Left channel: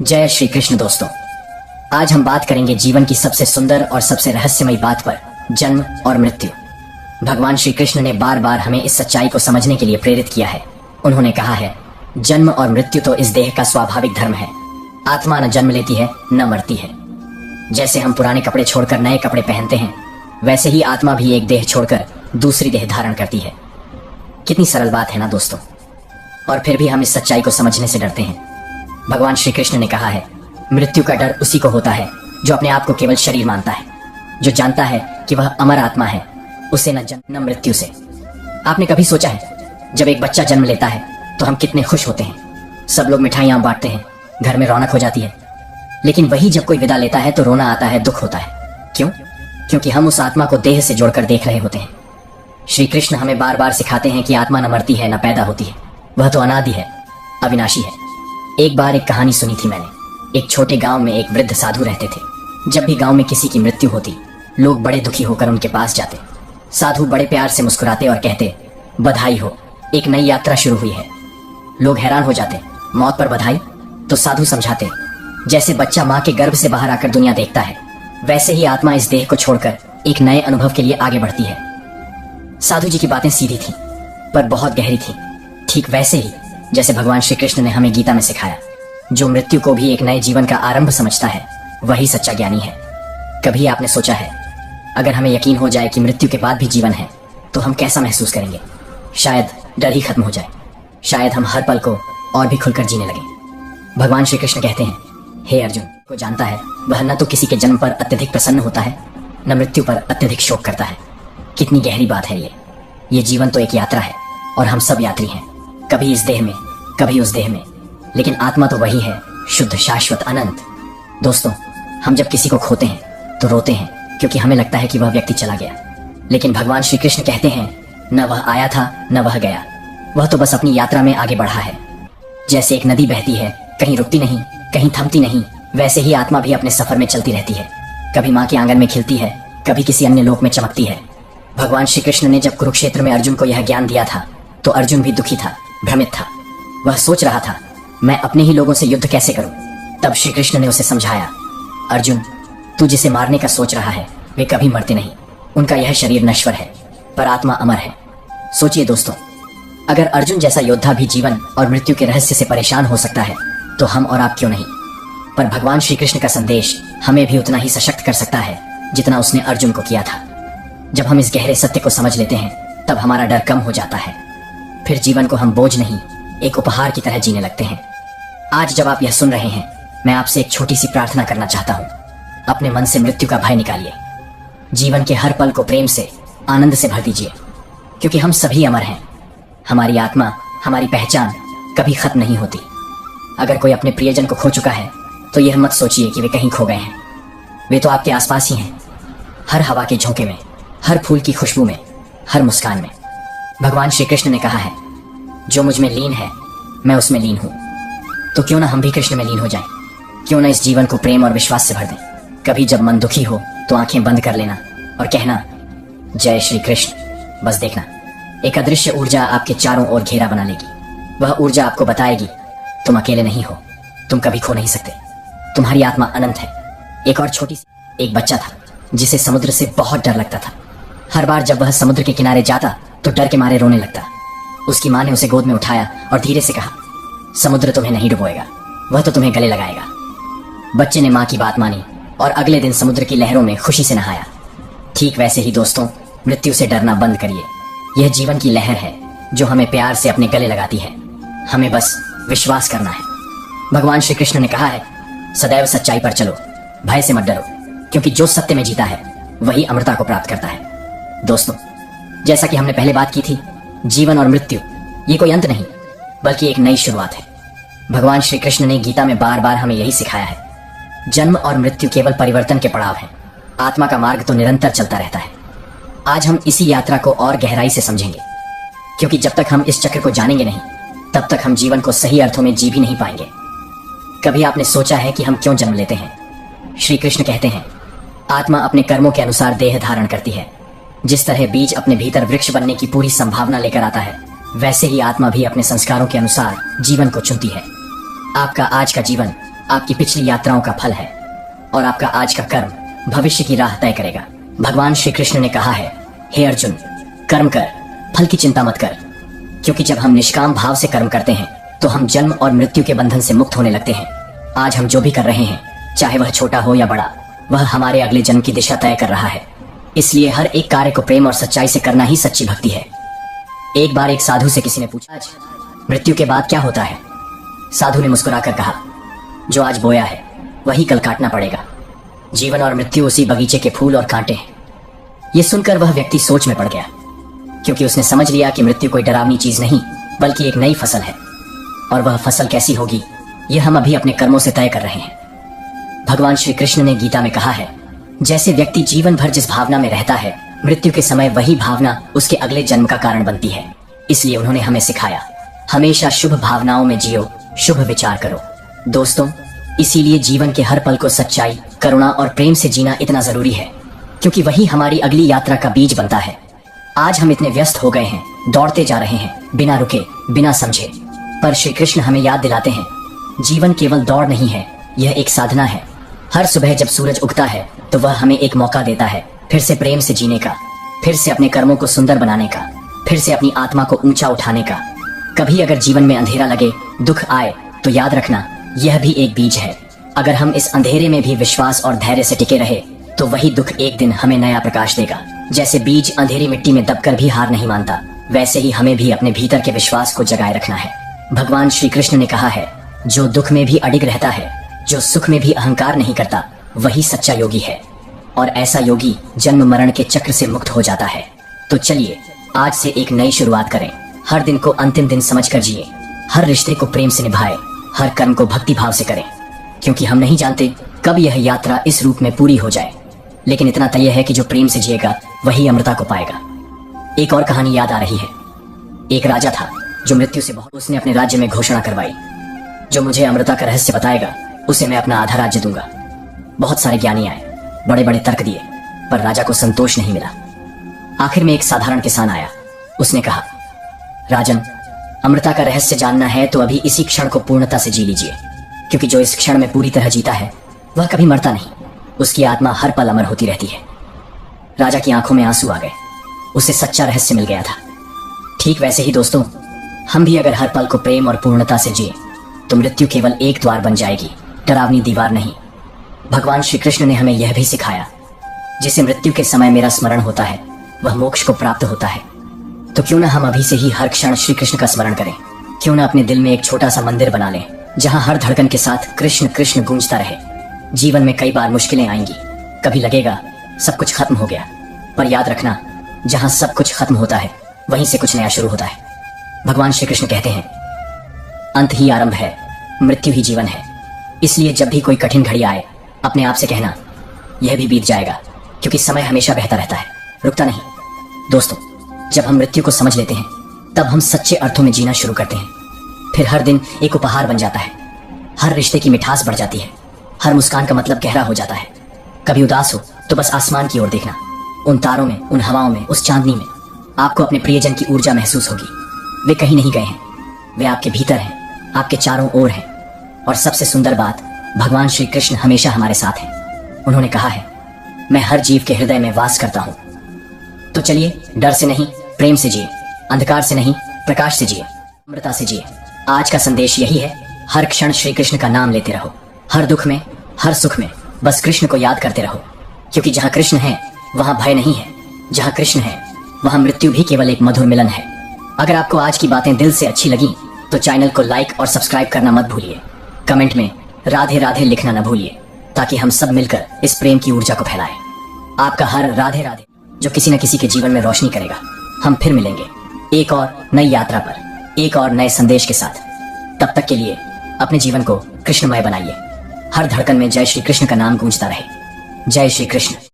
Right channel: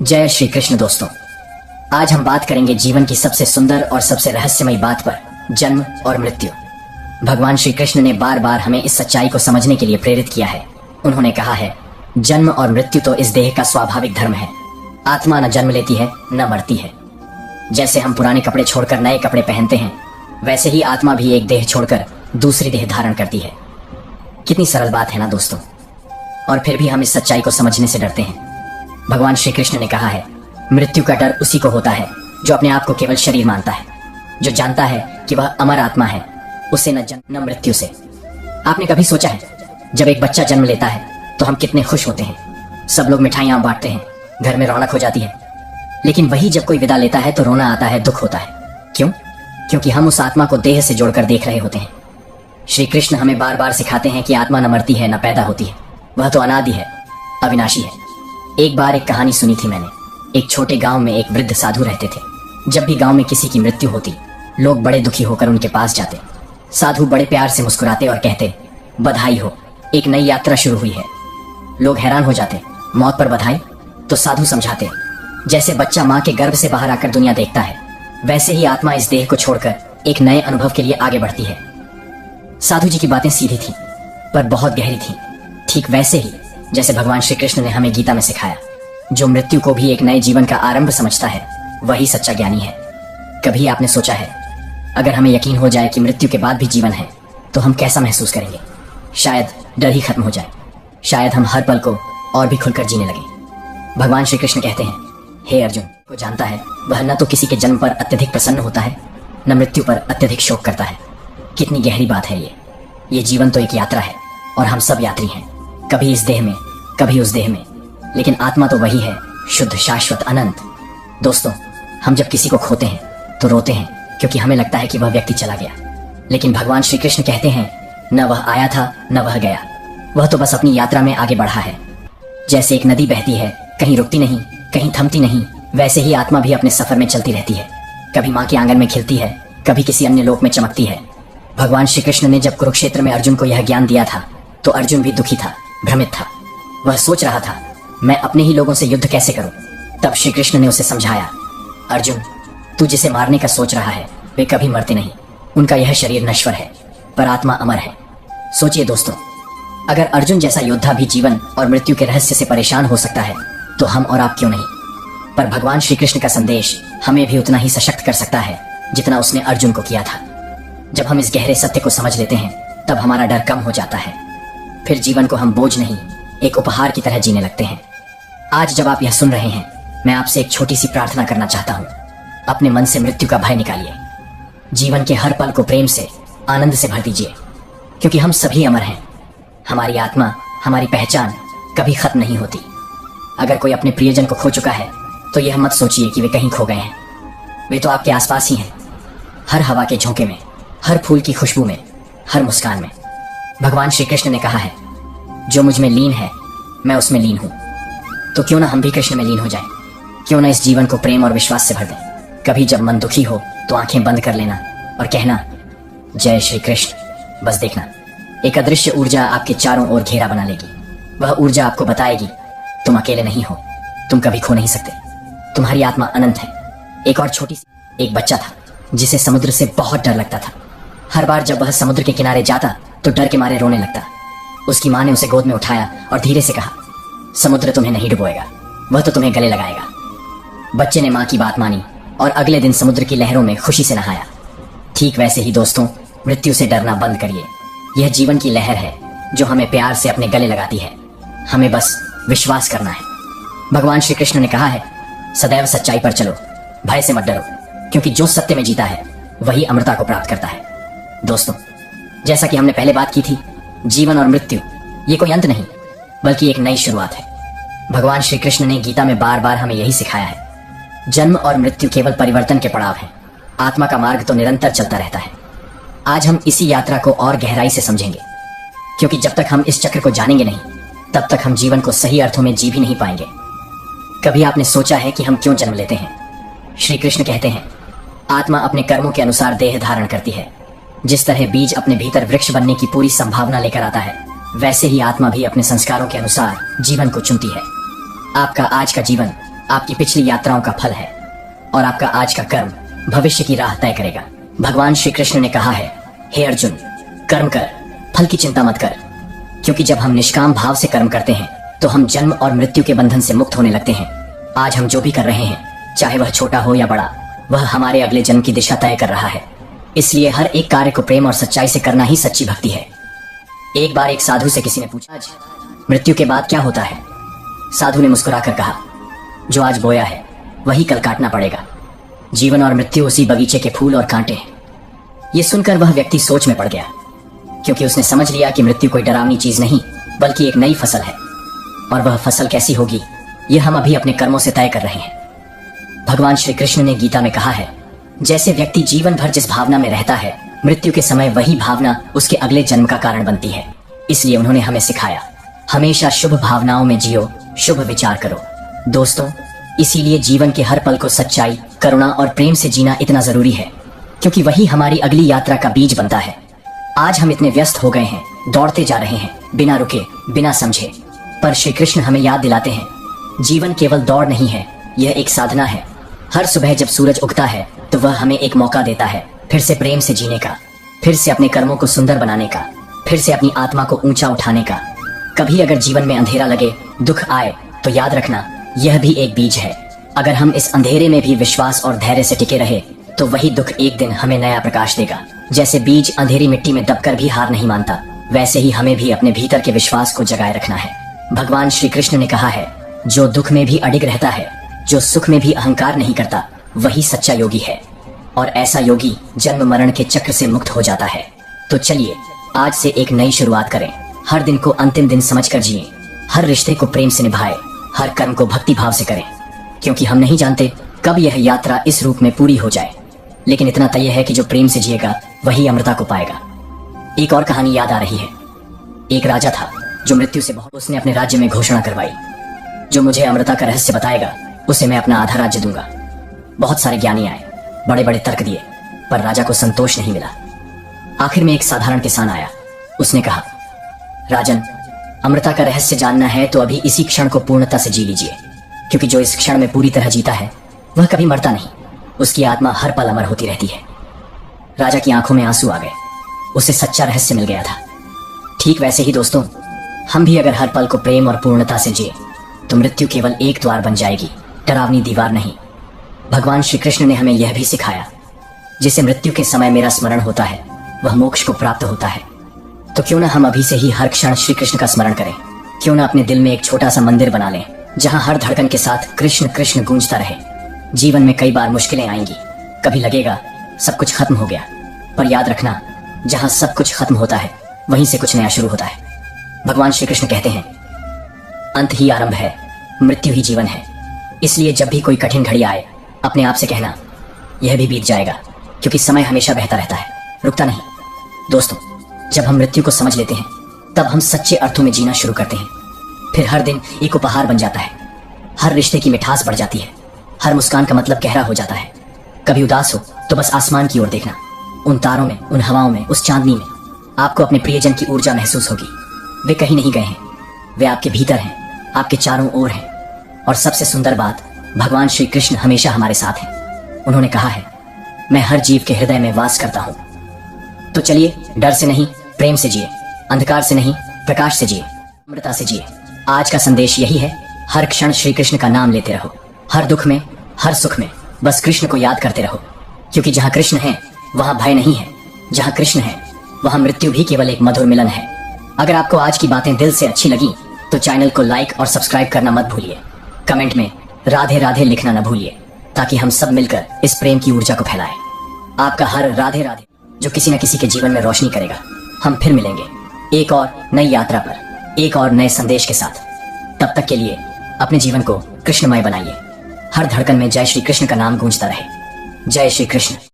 जय श्री कृष्ण दोस्तों। आज हम बात करेंगे जीवन की सबसे सुंदर और सबसे रहस्यमयी बात पर, जन्म और मृत्यु। भगवान श्री कृष्ण ने बार बार हमें इस सच्चाई को समझने के लिए प्रेरित किया है। उन्होंने कहा है, जन्म और मृत्यु तो इस देह का स्वाभाविक धर्म है। आत्मा न जन्म लेती है न मरती है। जैसे हम पुराने कपड़े छोड़कर नए कपड़े पहनते हैं, वैसे ही आत्मा भी एक देह छोड़कर दूसरी देह धारण करती है। कितनी सरल बात है ना दोस्तों। और फिर भी हम इस सच्चाई को समझने से डरते हैं। भगवान श्री कृष्ण ने कहा है, मृत्यु का डर उसी को होता है जो अपने आप को केवल शरीर मानता है, जो जानता है कि वह अमर आत्मा है, उसे न जन्म न मृत्यु से। आपने कभी सोचा है, जब एक बच्चा जन्म लेता है तो हम कितने खुश होते हैं। सब लोग मिठाइयां बांटते हैं, घर में रौनक हो जाती है। लेकिन वही जब कोई विदा लेता है तो रोना आता है, दुख होता है। क्यों? क्योंकि हम उस आत्मा को देह से जोड़कर देख रहे होते हैं। श्री कृष्ण हमें बार बार सिखाते हैं कि आत्मा न मरती है न पैदा होती है, वह तो अनादि है, अविनाशी है। एक बार एक कहानी सुनी थी मैंने। एक छोटे गांव में एक वृद्ध साधु रहते थे। जब भी गांव में किसी की मृत्यु होती, लोग बड़े दुखी होकर उनके पास जाते। साधु बड़े प्यार से मुस्कुराते और कहते, बधाई हो, एक नई यात्रा शुरू हुई है। लोग हैरान हो जाते, मौत पर बधाई? तो साधु समझाते, जैसे बच्चा माँ के गर्भ से बाहर आकर दुनिया देखता है, वैसे ही आत्मा इस देह को छोड़कर एक नए अनुभव के लिए आगे बढ़ती है। साधु जी की बातें सीधी थी पर बहुत गहरी थी। ठीक वैसे ही जैसे भगवान श्री कृष्ण ने हमें गीता में सिखाया, जो मृत्यु को भी एक नए जीवन का आरंभ समझता है, वही सच्चा ज्ञानी है। कभी आपने सोचा है, अगर हमें यकीन हो जाए कि मृत्यु के बाद भी जीवन है, तो हम कैसा महसूस करेंगे? शायद डर ही खत्म हो जाए। शायद हम हर पल को और भी खुलकर जीने लगे। भगवान श्री कृष्ण कहते हैं, हे अर्जुन, को जानता है वह न तो किसी के जन्म पर अत्यधिक प्रसन्न होता है, न मृत्यु पर अत्यधिक शोक करता है। कितनी गहरी बात है ये जीवन तो एक यात्रा है और हम सब यात्री हैं, कभी इस देह में, कभी उस देह में। लेकिन आत्मा तो वही है, शुद्ध, शाश्वत, अनंत। दोस्तों, हम जब किसी को खोते हैं तो रोते हैं क्योंकि हमें लगता है कि वह व्यक्ति चला गया। लेकिन भगवान श्री कृष्ण कहते हैं, न वह आया था न वह गया, वह तो बस अपनी यात्रा में आगे बढ़ा है। जैसे एक नदी बहती है, कहीं रुकती नहीं, कहीं थमती नहीं, वैसे ही आत्मा भी अपने सफर में चलती रहती है। कभी माँ के आंगन में खिलती है, कभी किसी अन्य लोक में चमकती है। भगवान श्री कृष्ण ने जब कुरुक्षेत्र में अर्जुन को यह ज्ञान दिया था, तो अर्जुन भी दुखी था, भ्रमित था। वह सोच रहा था, मैं अपने ही लोगों से युद्ध कैसे करूं? तब श्री कृष्ण ने उसे समझाया, अर्जुन, तू जिसे मारने का सोच रहा है, वे कभी मरते नहीं। उनका यह शरीर नश्वर है, पर आत्मा अमर है। सोचिए दोस्तों, अगर अर्जुन जैसा योद्धा भी जीवन और मृत्यु के रहस्य से परेशान हो सकता है, तो हम और आप क्यों नहीं? पर भगवान श्री कृष्ण का संदेश हमें भी उतना ही सशक्त कर सकता है जितना उसने अर्जुन को किया था। जब हम इस गहरे सत्य को समझ लेते हैं, तब हमारा डर कम हो जाता है। फिर जीवन को हम बोझ नहीं, एक उपहार की तरह जीने लगते हैं। आज जब आप यह सुन रहे हैं, मैं आपसे एक छोटी सी प्रार्थना करना चाहता हूँ। अपने मन से मृत्यु का भय निकालिए। जीवन के हर पल को प्रेम से, आनंद से भर दीजिए, क्योंकि हम सभी अमर हैं। हमारी आत्मा, हमारी पहचान कभी खत्म नहीं होती। अगर कोई अपने प्रियजन को खो चुका है, तो यह मत सोचिए कि वे कहीं खो गए हैं। वे तो आपके आसपास ही हैं, हर हवा के झोंके में, हर फूल की खुशबू में, हर मुस्कान में। भगवान श्री कृष्ण ने कहा है, जो मुझ में लीन है, मैं उसमें लीन हूं। तो क्यों ना हम भी कृष्ण में लीन हो जाएं? क्यों ना इस जीवन को प्रेम और विश्वास से भर दें? कभी जब मन दुखी हो तो आंखें बंद कर लेना और कहना, जय श्री कृष्ण। बस देखना, एक अदृश्य ऊर्जा आपके चारों ओर घेरा बना लेगी। वह ऊर्जा आपको बताएगी, तुम अकेले नहीं हो, तुम कभी खो नहीं सकते, तुम्हारी आत्मा अनंत है। एक और छोटी सी, एक बच्चा था जिसे समुद्र से बहुत डर लगता था। हर बार जब वह समुद्र के किनारे जाता तो डर के मारे रोने लगता। उसकी माँ ने उसे गोद में उठाया और धीरे से कहा, समुद्र तुम्हें नहीं डुबोएगा, वह तो तुम्हें गले लगाएगा। बच्चे ने माँ की बात मानी और अगले दिन समुद्र की लहरों में खुशी से नहाया। ठीक वैसे ही दोस्तों, मृत्यु से डरना बंद करिए। यह जीवन की लहर है जो हमें प्यार से अपने गले लगाती है। हमें बस विश्वास करना है। भगवान श्री कृष्ण ने कहा है, सदैव सच्चाई पर चलो, भय से मत डरो, क्योंकि जो सत्य में जीता है वही अमरता को प्राप्त करता है। दोस्तों, जैसा कि हमने पहले बात की थी, जीवन और मृत्यु ये कोई अंत नहीं, बल्कि एक नई शुरुआत है। भगवान श्री कृष्ण ने गीता में बार बार हमें यही सिखाया है। जन्म और मृत्यु केवल परिवर्तन के पड़ाव हैं। आत्मा का मार्ग तो निरंतर चलता रहता है। आज हम इसी यात्रा को और गहराई से समझेंगे, क्योंकि जब तक हम इस चक्र को जानेंगे नहीं, तब तक हम जीवन को सही अर्थों में जी भी नहीं पाएंगे। कभी आपने सोचा है कि हम क्यों जन्म लेते हैं? श्री कृष्ण कहते हैं, आत्मा अपने कर्मों के अनुसार देह धारण करती है। जिस तरह बीज अपने भीतर वृक्ष बनने की पूरी संभावना लेकर आता है, वैसे ही आत्मा भी अपने संस्कारों के अनुसार जीवन को चुनती है। आपका आज का जीवन आपकी पिछली यात्राओं का फल है और आपका आज का कर्म भविष्य की राह तय करेगा। भगवान श्री कृष्ण ने कहा है, हे अर्जुन, कर्म कर, फल की चिंता मत कर, क्योंकि जब हम निष्काम भाव से कर्म करते हैं तो हम जन्म और मृत्यु के बंधन से मुक्त होने लगते हैं। आज हम जो भी कर रहे हैं, चाहे वह छोटा हो या बड़ा, वह हमारे अगले जन्म की दिशा तय कर रहा है। इसलिए हर एक कार्य को प्रेम और सच्चाई से करना ही सच्ची भक्ति है। एक बार एक साधु से किसी ने पूछा, आज मृत्यु के बाद क्या होता है? साधु ने मुस्कुराकर कहा, जो आज बोया है वही कल काटना पड़ेगा। जीवन और मृत्यु उसी बगीचे के फूल और कांटे हैं। ये सुनकर वह व्यक्ति सोच में पड़ गया, क्योंकि उसने समझ लिया कि मृत्यु कोई डरावनी चीज नहीं बल्कि एक नई फसल है, और वह फसल कैसी होगी यह हम अभी अपने कर्मों से तय कर रहे हैं। भगवान श्री कृष्ण ने गीता में कहा है, जैसे व्यक्ति जीवन भर जिस भावना में रहता है, मृत्यु के समय वही भावना उसके अगले जन्म का कारण बनती है। इसलिए उन्होंने हमें सिखाया, हमेशा शुभ भावनाओं में जियो, शुभ विचार करो। दोस्तों, इसीलिए जीवन के हर पल को सच्चाई, करुणा और प्रेम से जीना इतना जरूरी है, क्योंकि वही हमारी अगली यात्रा का बीज बनता है। आज हम इतने व्यस्त हो गए हैं, दौड़ते जा रहे हैं, बिना रुके, बिना समझे, पर श्री कृष्ण हमें याद दिलाते हैं, जीवन केवल दौड़ नहीं है, यह एक साधना है। हर सुबह जब सूरज उगता है तो वह हमें एक मौका देता है फिर से प्रेम से जीने का, फिर से अपने कर्मों को सुंदर बनाने का, फिर से अपनी आत्मा को ऊंचा उठाने का। कभी अगर जीवन में अंधेरा लगे, दुख आए, तो याद रखना, यह भी एक बीज है। अगर हम इस अंधेरे में भी विश्वास और धैर्य से टिके रहे तो वही दुख एक दिन हमें नया प्रकाश देगा। जैसे बीज अंधेरी मिट्टी में दबकर भी हार नहीं मानता, वैसे ही हमें भी अपने भीतर के विश्वास को जगाए रखना है। भगवान श्री कृष्ण ने कहा है, जो दुख में भी अडिग रहता है, जो सुख में भी अहंकार नहीं करता, वही सच्चा योगी है, और ऐसा योगी जन्म मरण के चक्र से मुक्त हो जाता है। तो चलिए आज से एक नई शुरुआत करें। हर दिन को अंतिम दिन समझकर जिए, हर रिश्ते को प्रेम से निभाएं, हर कर्म को भक्ति भाव से करें, क्योंकि हम नहीं जानते कब यह यात्रा इस रूप में पूरी हो जाए। लेकिन इतना तय है कि जो प्रेम से जिएगा वही अमृता को पाएगा। एक और कहानी याद आ रही है। एक राजा था जो मृत्यु से बहुत, उसने अपने राज्य में घोषणा करवाई, जो मुझे अमृता का रहस्य बताएगा उसे मैं अपना आधा राज्य दूंगा। बहुत सारे ज्ञानी आए, बड़े बड़े तर्क दिए, पर राजा को संतोष नहीं मिला। आखिर में एक साधारण किसान आया। उसने कहा, राजन, अमृता का रहस्य जानना है तो अभी इसी क्षण को पूर्णता से जी लीजिए, क्योंकि जो इस क्षण में पूरी तरह जीता है वह कभी मरता नहीं, उसकी आत्मा हर पल अमर होती रहती है। राजा की आंखों में आंसू आ गए, उसे सच्चा रहस्य मिल गया था। ठीक वैसे ही दोस्तों, हम भी अगर हर पल को प्रेम और पूर्णता से जिए तो मृत्यु केवल एक द्वार बन जाएगी, डरावनी दीवार नहीं। भगवान श्री कृष्ण ने हमें यह भी सिखाया, जिसे मृत्यु के समय मेरा स्मरण होता है वह मोक्ष को प्राप्त होता है। तो क्यों ना हम अभी से ही हर क्षण श्री कृष्ण का स्मरण करें। क्यों ना अपने दिल में एक छोटा सा मंदिर बना लें, जहां हर धड़कन के साथ कृष्ण कृष्ण गूंजता रहे। जीवन में कई बार मुश्किलें आएंगी, कभी लगेगा सब कुछ खत्म हो गया, पर याद रखना, जहां सब कुछ खत्म होता है वहीं से कुछ नया शुरू होता है। भगवान श्री कृष्ण कहते हैं, अंत ही आरंभ है, मृत्यु ही जीवन है। इसलिए जब भी कोई कठिन घड़ी आए, अपने आप से कहना, यह भी बीत जाएगा, क्योंकि समय हमेशा बहता रहता है, रुकता नहीं। दोस्तों, जब हम मृत्यु को समझ लेते हैं तब हम सच्चे अर्थों में जीना शुरू करते हैं। फिर हर दिन एक उपहार बन जाता है, हर रिश्ते की मिठास बढ़ जाती है, हर मुस्कान का मतलब गहरा हो जाता है। कभी उदास हो तो बस आसमान की ओर देखना, उन तारों में, उन हवाओं में, उस चांदनी में आपको अपने प्रियजन की ऊर्जा महसूस होगी। वे कहीं नहीं गए हैं, वे आपके भीतर हैं, आपके चारों ओर हैं। और सबसे सुंदर बात, भगवान श्री कृष्ण हमेशा हमारे साथ हैं। उन्होंने कहा है, मैं हर जीव के हृदय में वास करता हूं। तो चलिए डर से नहीं, प्रेम से जिए, अंधकार से नहीं, प्रकाश से जिए, अमृता से जिए। आज का संदेश यही है, हर क्षण श्री कृष्ण का नाम लेते रहो, हर दुख में, हर सुख में बस कृष्ण को याद करते रहो, क्योंकि जहां कृष्ण है वहां भय नहीं है, जहां कृष्ण है वहां मृत्यु भी केवल एक मधुर मिलन है। अगर आपको आज की बातें दिल से अच्छी लगी तो चैनल को लाइक और सब्सक्राइब करना मत भूलिए। कमेंट में राधे राधे लिखना न भूलिए, ताकि हम सब मिलकर इस प्रेम की ऊर्जा को फैलाएं। आपका हर राधे राधे जो किसी न किसी के जीवन में रोशनी करेगा। हम फिर मिलेंगे एक और नई यात्रा पर, एक और नए संदेश के साथ। तब तक के लिए अपने जीवन को कृष्णमय बनाइए। हर धड़कन में जय श्री कृष्ण का नाम गूंजता रहे। जय श्री कृष्ण।